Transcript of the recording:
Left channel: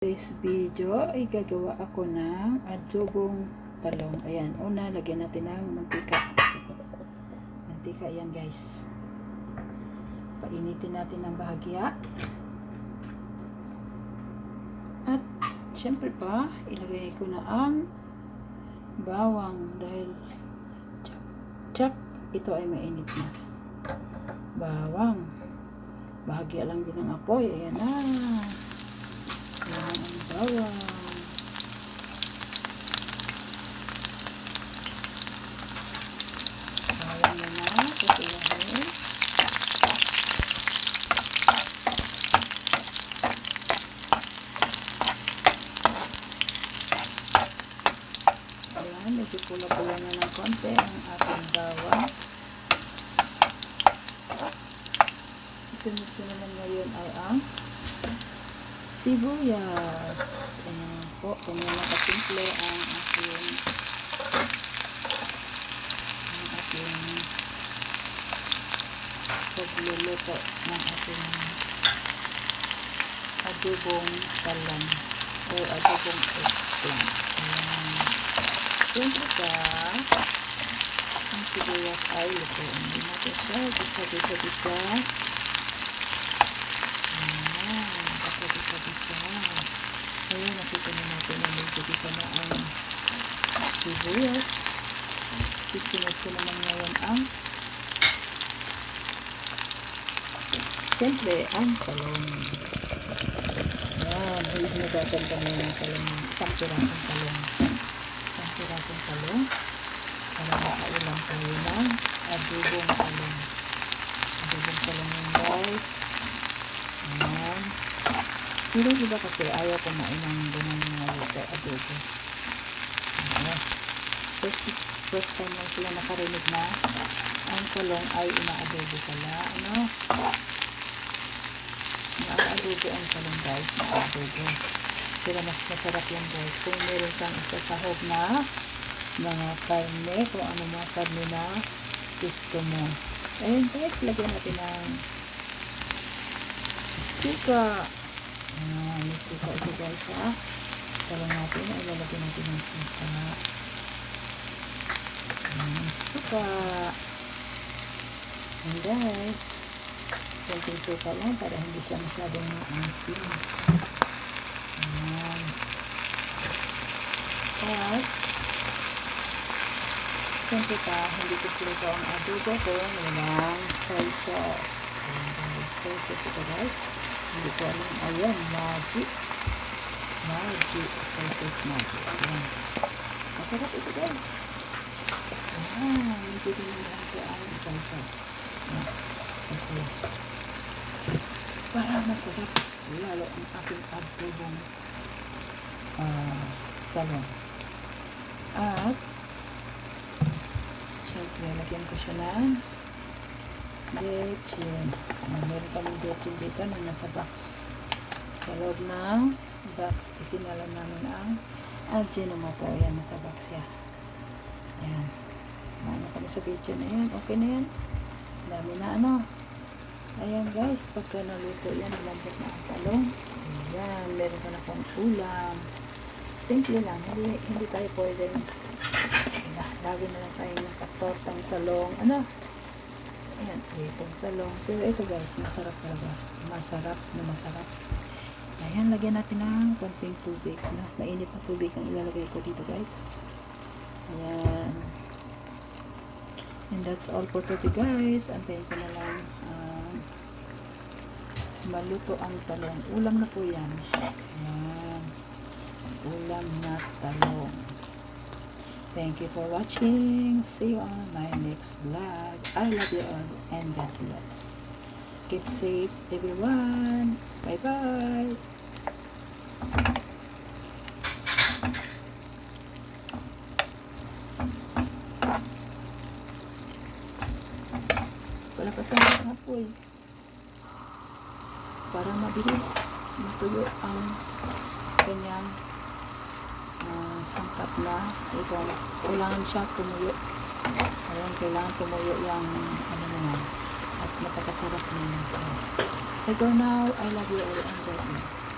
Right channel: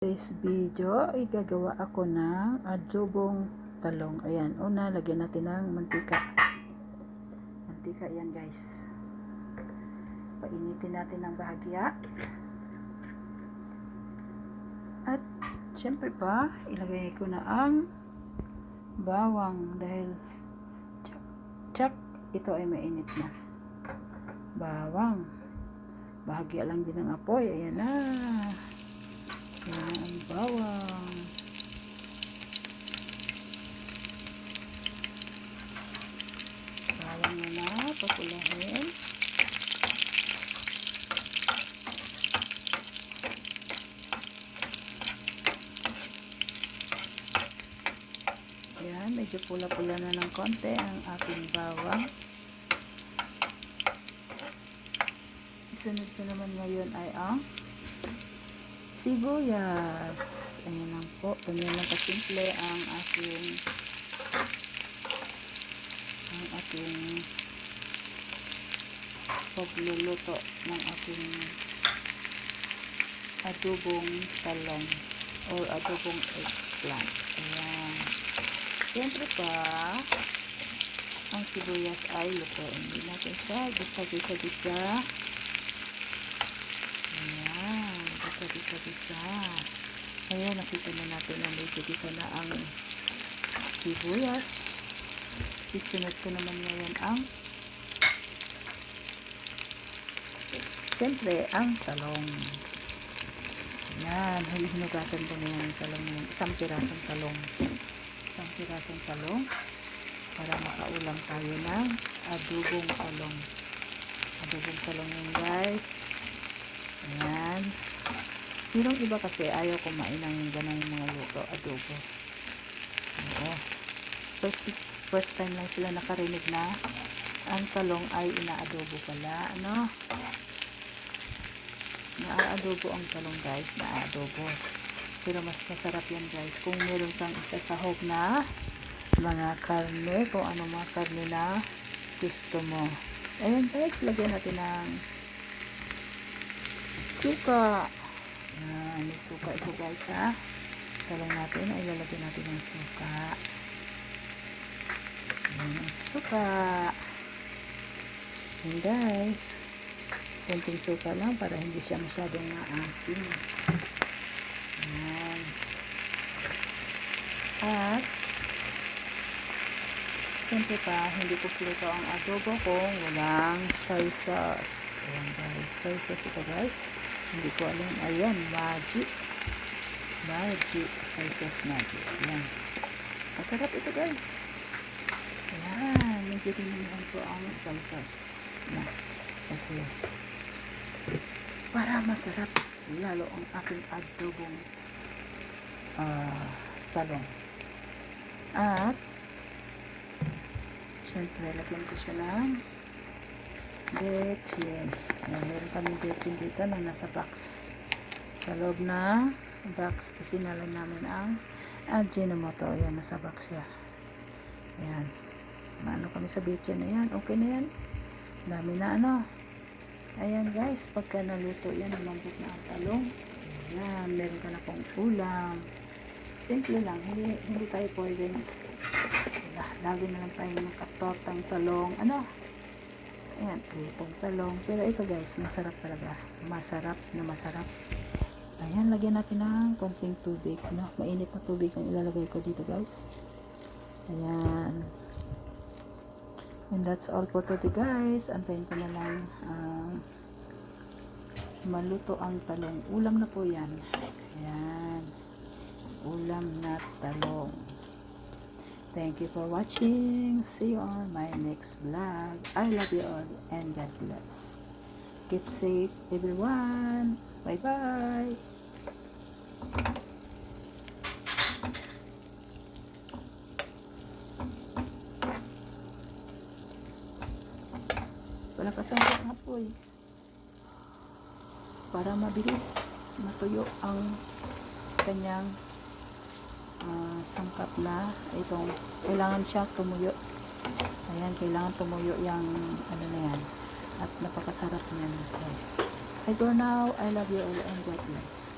This video ay gagawa ako ng adobong talong. Ayan, una lagyan natin ng mantika. Mantika yan guys. Painitin natin ng bahagya. At syempre pa, ilagay ko na ang bawang dahil tsak, ito ay mainit na. Bawang. Bahagya lang din ang apoy. Ayan na. Ayan ang bawang. Bawang na kasilahin. Ayan, medyo pula-pula na ng konti ang ating bawang. Sunod ko naman ngayon ay ang sibuyas. Ayan po, ganyan lang kasimple ang ating pagluluto ng ating adobong talong o adobong eggplant. Ayan. Siyempre pa, ang sibuyas ay lutuin. Hindi natin siya, gisa-gisa-gisa. Ayan, nakita na natin na medyo gisa na ang sibuyas. Isunod ko naman ngayon ang siyempre ang talong. Ayan, hinugasan ko na yung talong, isang pirasong talong. Isang pirasong talong para makaulang tayo ng adobong talong. Adobong talong yung guys. Ayan. Pero iba kasi ayaw kumain ng ganun mga luto, adobo. Okay. First time lang sila nakarinig na ang talong ay ina-adobo pala. Ano? Na-adobo ang talong guys, na-adobo. Pero mas masarap yan guys. Kung meron kang isasahog na mga karne, kung ano mga karne na gusto mo. Ayun guys, lagyan natin ng suka. May suka ito guys ha. Talong natin, ilalagay natin ng suka. Suka. And guys, konting suka lang para hindi siya masyadong maasin. Ayan. At siyempre pa, hindi ko sila ang adobo kung walang soy sauce. Ayan guys, soy sauce ito guys. Hindi ko alam. Ayan, magic. Soy sauce magic. Ayan. Masarap ito guys. Ayan. Medyo dinilhan ko ang soy sauce. Ayan. Kasi para masarap lalo ang aking adobong talong. At syempre, lagyan ko siya ng bechin. Meron kaming bechin dito na nasa box. Sa loob ng box, isinalan namin ang Ajinomoto. Ayan, nasa box siya. Ayan. Maano kami sa bechin na yan. Okay na yan. Dami na ano. Ayan guys, pagka naluto yan, malambot na ang talong. Ayan, meron ka na pang ulam. Simple lang. Hindi tayo pwede. Lagi na lang tayo nakatortang talong. Ano? Ayan, itong talong. Pero ito guys, masarap talaga. Masarap na masarap. Ayan, lagyan natin ng konting tubig. Mainit na tubig ang ilalagay ko dito guys. Ayan. And that's all for today guys. Antayin ko na lang maluto ang talong. Ulam na po yan. Ayan. Ulam na talong. Thank you for watching. See you on my next vlog. I love you all and God bless. Keep safe everyone. Bye bye. Wala pa sa mga apoy. Para mabilis matuyo ang kanyang sangkap na ito. Kailangan siya tumuyo. Ayan, kailangan tumuyo yung ano na yan. At napakasarap na yan guys. I go now. I love you all and God bless.